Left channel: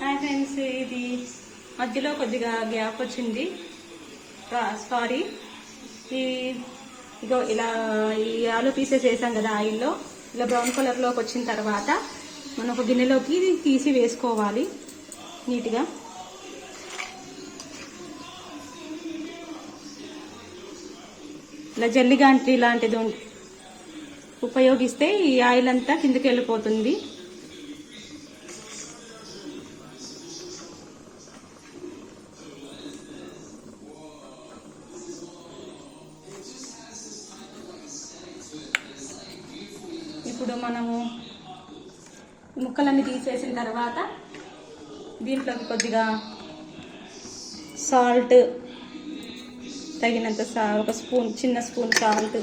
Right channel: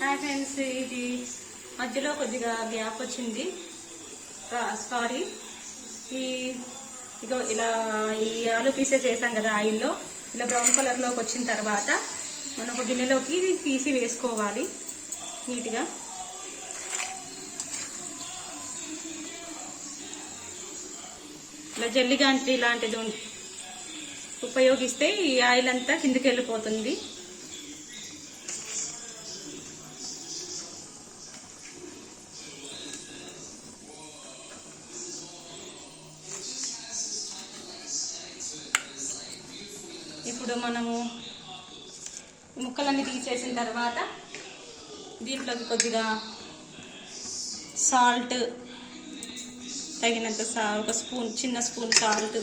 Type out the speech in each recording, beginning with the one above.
Friends, ఇది మధ్యలో కొద్దిగా గ్యాప్ వచ్చింది, సారీ. ఇగో ఇలా ఈ ఆలు పీసెస్ వేసాం కదా ఆయిల్లో, ఇలా బ్రౌన్ కలర్లోకి వచ్చిన తర్వాత మనకు గిన్నెలోకి తీసి వేసుకోవాలి నీట్గా. ఇలా జల్లిగాంటి లాంటిది ఉపయోగిస్తే ఈ ఆయిల్ అంతా కిందకి వెళ్ళిపోతుంది. ఇప్పుడు మనము ముక్కలన్నీ తీసేసిన తర్వాత దీంట్లోకి కొద్దిగా సాల్ట్, తగినంత ఒక స్పూన్, చిన్న స్పూన్ సాల్ట్.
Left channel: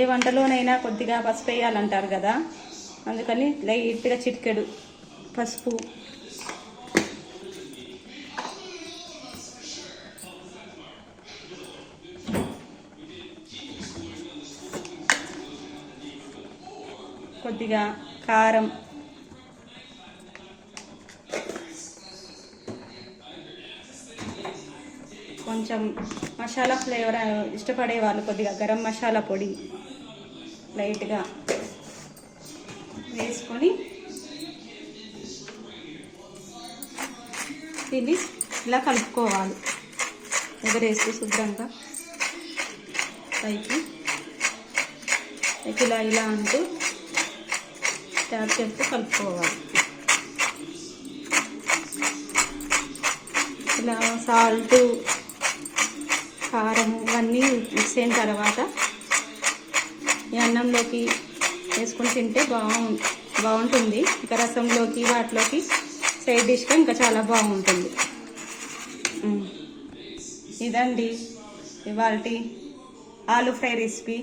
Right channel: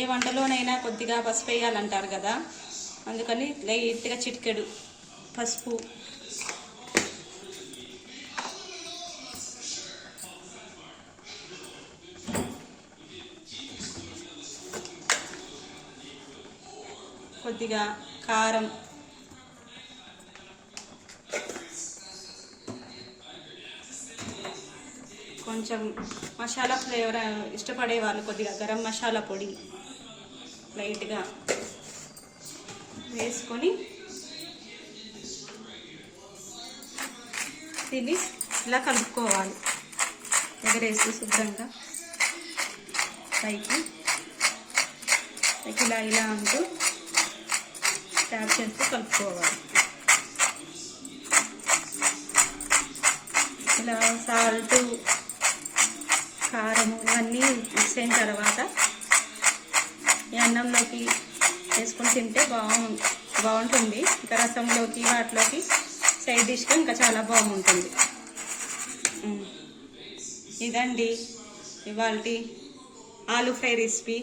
ఏ వంటలోనైనా కొద్దిగా పసుపు వేయాలంటారు కదా, అందుకని లైట్గా చిటికెడు పసుపు. కొద్దిగా కారం, కొంచెం మసాలా ఫ్లేవర్ ఇష్టపడే వాళ్ళు కొద్దిగా గరం మసాలా పొడి లైట్గా వేసుకొని దీన్ని ఇలా కలుపుకోవాలి. ఎగరేసి శుభ్రంగా పైకి ఇలా అంటూ ట్యాప్ చేస్తూ కలుపుకోవాలి. ఇలా సాల్ట్, కారం ఇవన్నీ మిక్స్ అయిన తర్వాత ఈ అన్నంలోకి వేసుకొని తింటే బాగుంటుంది. ఇంకా రసంలోకి వాటిలోకి సైడ్ డిష్గా ఇంకా చాలా బాగుంటుంది. ఇదండి ఇవాల్టి ఆలు ఫ్రై రెసిపీ.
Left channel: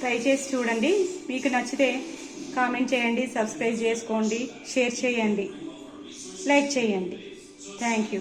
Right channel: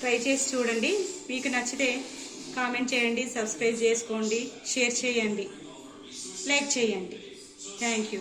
ట్రై చేసి చూడండి. మీకు నచ్చితే కామెంట్ చేయండి, సబ్స్క్రైబ్ చేసుకోండి, షేర్ చేయండి, లైక్ చేయండి. Thank you.